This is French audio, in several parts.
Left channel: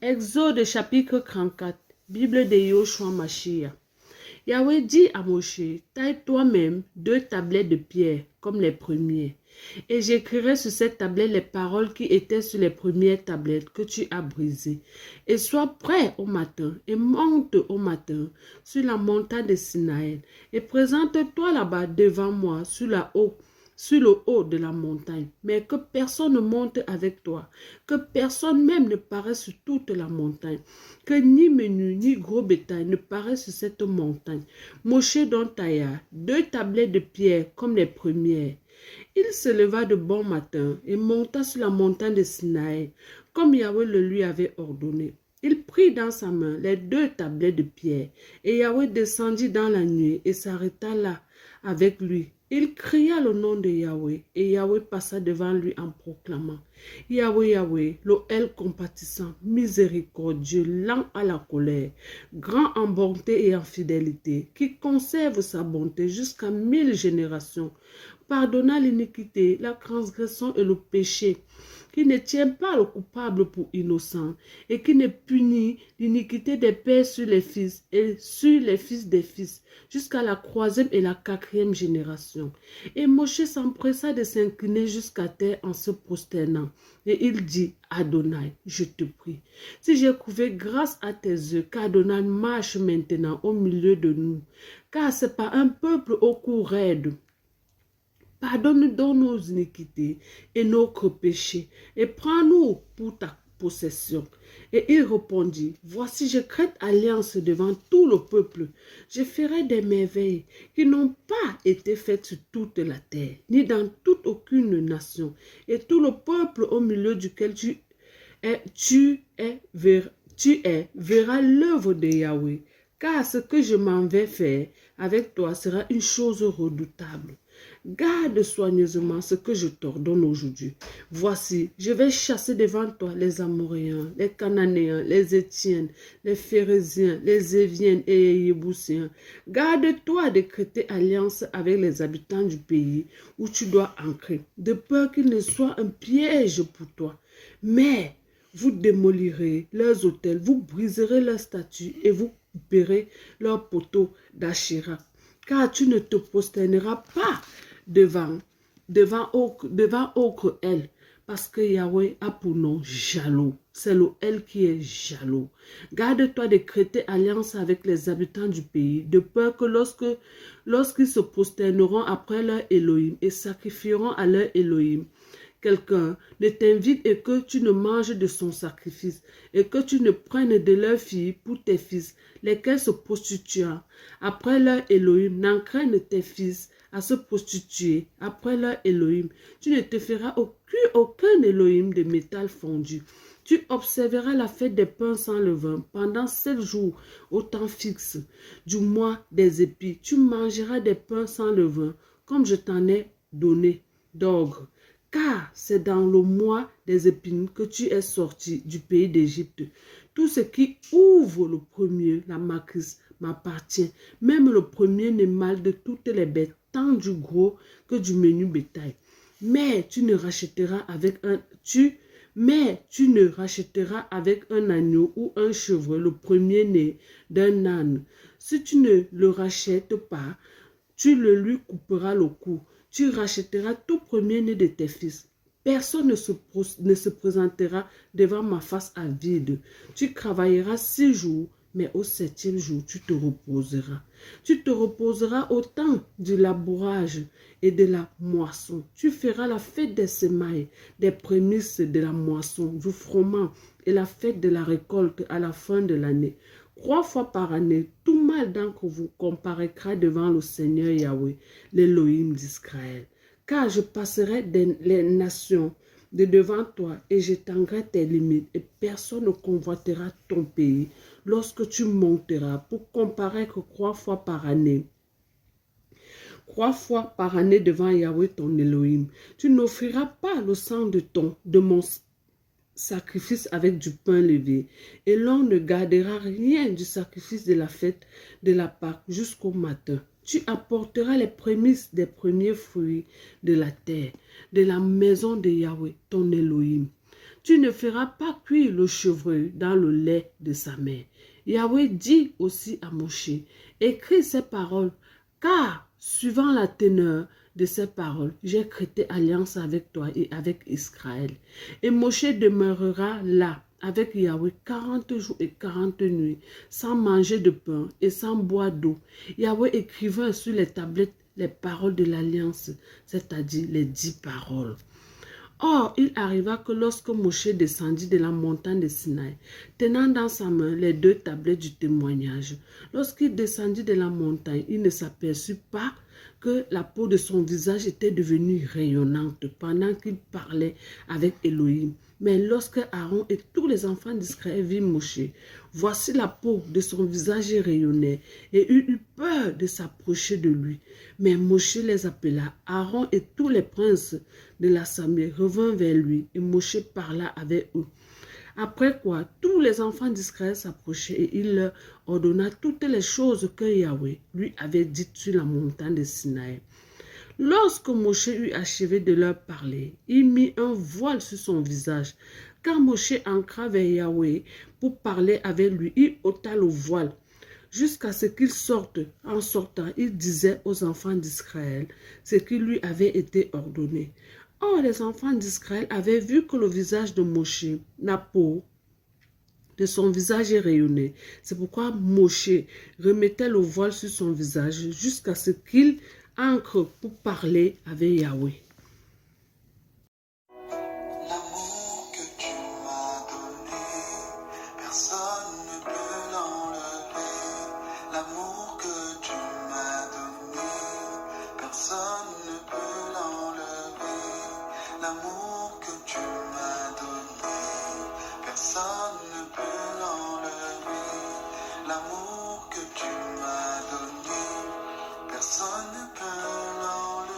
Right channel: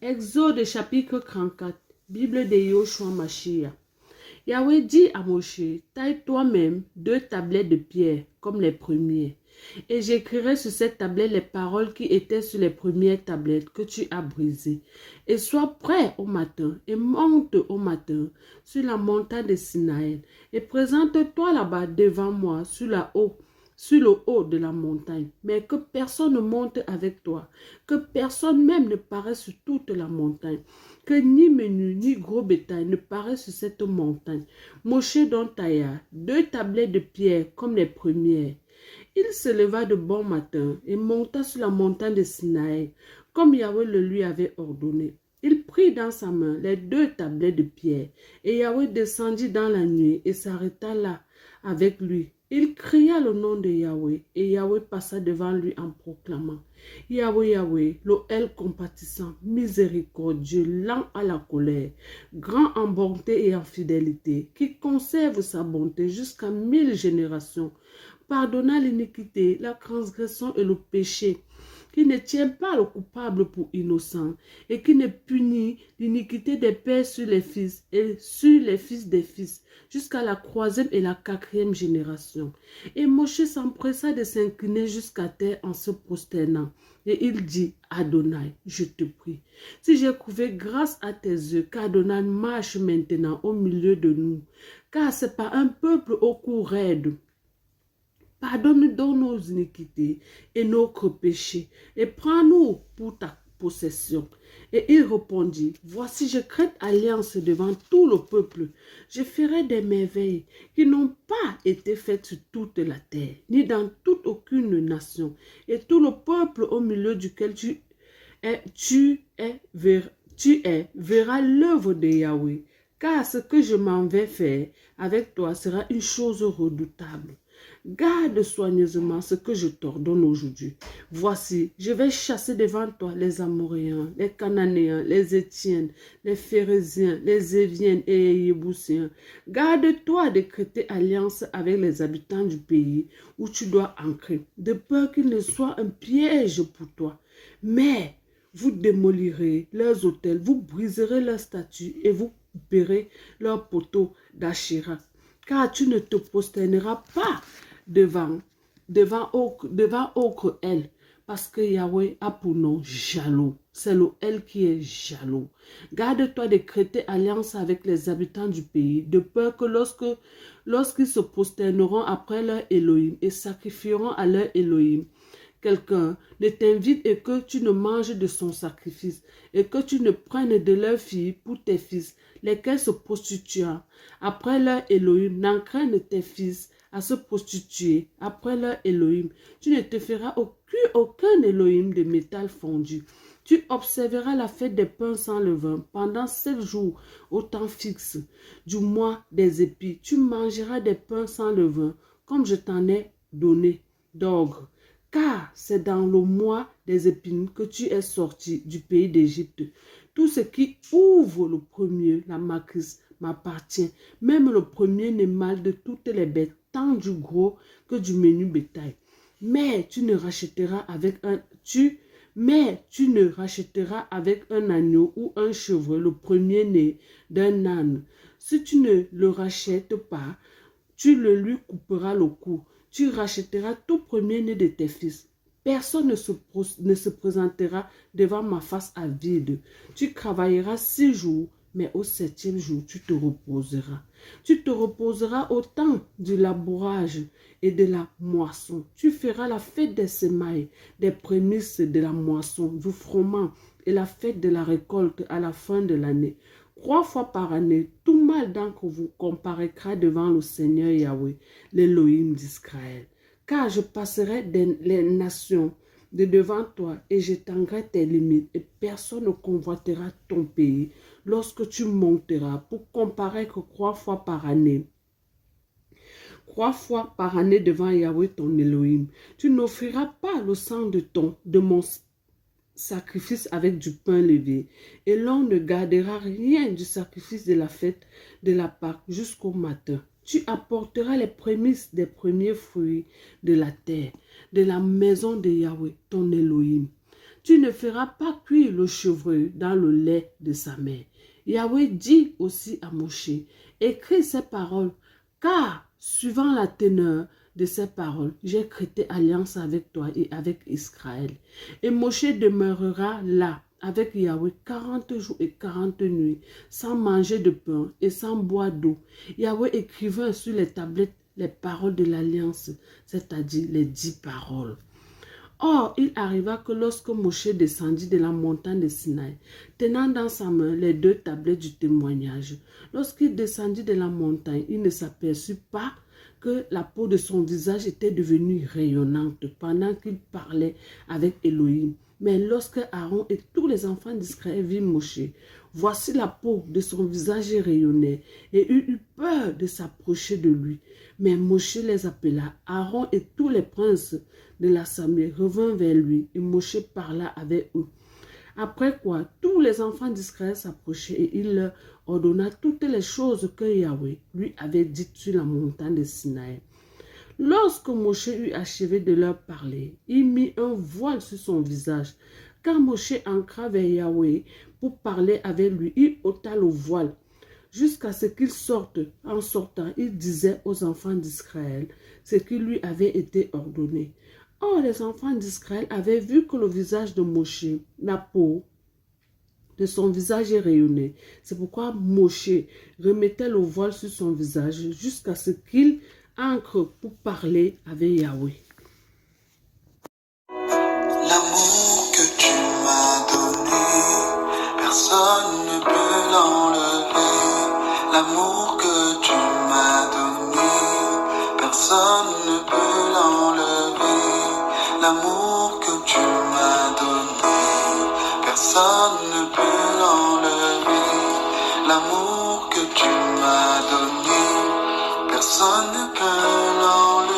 Exode chapitre 34, Bible de Yoshua Mashiach. Yahweh dit à Moshe, taille toi-même 2 tablettes de pierre comme les premiers, et j'écrirai sur cette tablette les paroles qui étaient sur les premières tablettes que tu as brisées. Et sois prêt au matin, et monte au matin sur la montagne de Sinaï, et présente-toi là-bas devant moi sur le haut de la montagne, mais que personne ne monte avec toi, que personne même ne paraisse sur toute la montagne, que ni menu ni gros bétail ne paraissent sur cette montagne. Moshe donc tailla 2 tablettes de pierre comme les premières. Il se leva de bon matin et monta sur la montagne de Sinaï, comme Yahweh le lui avait ordonné. Il prit dans sa main les 2 tablettes de pierre, et Yahweh descendit dans la nuit et s'arrêta là avec lui. Il cria le nom de Yahweh, et Yahweh passa devant lui en proclamant: Yahweh, Yahweh, l'Oël compatissant, miséricordieux, lent à la colère, grand en bonté et en fidélité, qui conserve sa bonté jusqu'à 1000 générations, pardonnant l'iniquité, la transgression et le péché, qui ne tient pas le coupable pour innocent, et qui ne punit l'iniquité des pères sur les fils et sur les fils des fils, jusqu'à la 3e et la 4e génération. Et Moshe s'empressa de s'incliner jusqu'à terre en se prosternant. Et il dit: Adonai, je te prie, si j'ai trouvé grâce à tes yeux, qu'Adonai marche maintenant au milieu de nous, car c'est pas un peuple au cou raide. Pardonne donc nos iniquités et nos péchés, et prends-nous pour ta possession. Et il répondit: Voici, je crée alliance devant tout le peuple. Je ferai des merveilles qui n'ont pas été faites sur toute la terre, ni dans toute aucune nation. Et tout le peuple au milieu duquel tu es verra l'œuvre de Yahweh, car ce que je m'en vais faire avec toi sera une chose redoutable. Garde soigneusement ce que je t'ordonne aujourd'hui. Voici, je vais chasser devant toi les Amoréens, les Cananéens, les Étiennes, les Phérésiens, les Éviens et les Yébousiens. Garde-toi de créer alliance avec les habitants du pays où tu dois ancrer, de peur qu'il ne soit un piège pour toi. Mais vous démolirez leurs autels, vous briserez leurs statues et vous couperez leurs poteaux d'Achéra. Car tu ne te prosterneras pas devant autre elle, parce que Yahweh a pour nom jaloux. C'est le elle qui est jaloux. Garde-toi de créer alliance avec les habitants du pays, de peur que lorsqu'ils se prosterneront après leur Elohim et sacrifieront à leur Elohim, quelqu'un ne t'invite et que tu ne manges de son sacrifice, et que tu ne prennes de leurs filles pour tes fils, lesquels se prostituent après leur Elohim. N'entraîne tes fils à se prostituer après leur Elohim. Tu ne te feras aucun Elohim de métal fondu. Tu observeras la fête des pains sans levain pendant 7 jours au temps fixe du mois des épis. Tu mangeras des pains sans levain, comme je t'en ai donné d'ordre. Car c'est dans le mois des épines que tu es sorti du pays d'Égypte. Tout ce qui ouvre le premier, la matrice, m'appartient. Même le premier-né mâle de toutes les bêtes, tant du gros que du menu bétail. Mais tu ne rachèteras avec un agneau ou un chevreuil le premier-né d'un âne. Si tu ne le rachètes pas, tu le lui couperas le cou. Tu rachèteras tout premier-né de tes fils. Personne ne se présentera devant ma face à vide. Tu travailleras 6 jours, mais au 7e jour, tu te reposeras. Tu te reposeras au temps du labourage et de la moisson. Tu feras la fête des semailles, des prémices de la moisson, du froment et la fête de la récolte à la fin de l'année. 3 fois par année, tout mâle d'entre vous comparaîtra devant le Seigneur Yahweh, l'Élohim d'Israël. Car je passerai les nations de devant toi et j'étendrai tes limites et personne ne convoitera ton pays lorsque tu monteras pour comparaître 3 fois par année. 3 fois par année devant Yahweh ton Elohim. Tu n'offriras pas le sang de mon sacrifice avec du pain levé, et l'on ne gardera rien du sacrifice de la fête de la Pâque jusqu'au matin. Tu apporteras les prémices des premiers fruits de la terre, de la maison de Yahweh, ton Elohim. tu ne feras pas cuire le chevreuil dans le lait de sa mère. Yahweh dit aussi à Moshe, écris ces paroles, car suivant la teneur de ces paroles, j'ai créé alliance avec toi et avec Israël. Et Moshe demeurera là avec Yahweh 40 jours et 40 nuits, sans manger de pain et sans boire d'eau. Yahweh écrivait sur les tablettes les paroles de l'alliance, c'est-à-dire les 10 paroles. Or, il arriva que lorsque Moshe descendit de la montagne de Sinaï, tenant dans sa main les 2 tablettes du témoignage, lorsqu'il descendit de la montagne, il ne s'aperçut pas que la peau de son visage était devenue rayonnante pendant qu'il parlait avec Elohim. Mais lorsque Aaron et tous les enfants d'Israël virent Moshe, voici la peau de son visage rayonnait et il eut peur de s'approcher de lui. Mais Moshe les appela. Aaron et tous les princes de l'assemblée revinrent vers lui et Moshe parla avec eux. Après quoi, tous les enfants d'Israël s'approchaient et il leur ordonna toutes les choses que Yahweh lui avait dites sur la montagne de Sinaï. Lorsque Moshe eut achevé de leur parler, il mit un voile sur son visage. Quand Moshe entra vers Yahweh pour parler avec lui, il ôta le voile jusqu'à ce qu'il sorte. En sortant, il disait aux enfants d'Israël ce qui lui avait été ordonné. Or, les enfants d'Israël avaient vu que le visage de Moshe, la peau de son visage rayonnait. C'est pourquoi Moshe remettait le voile sur son visage jusqu'à ce qu'il entre pour parler avec Yahweh. L'amour que tu m'as donné, personne ne peut l'enlever. L'amour que tu m'as donné, personne ne peut l'enlever. L'amour que tu m'as donné, personne ne peut l'enlever. L'amour que tu m'as donné, personne ne peut l'enlever.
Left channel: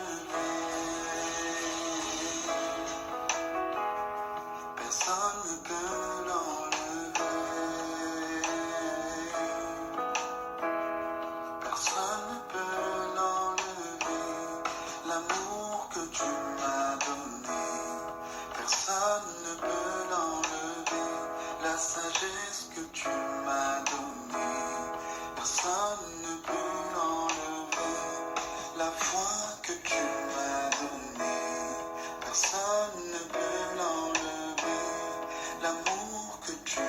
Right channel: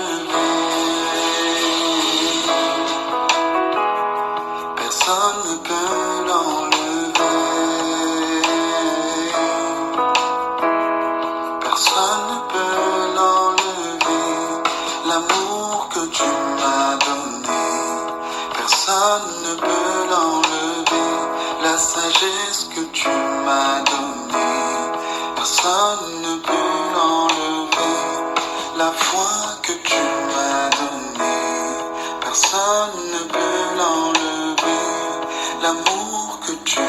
Personne ne peut l'enlever. Personne ne peut l'enlever. L'amour que tu m'as donné, personne ne peut l'enlever. La sagesse que tu m'as donnée, personne ne peut l'enlever. La foi que tu m'as donnée, personne ne peut l'enlever. L'amour que tu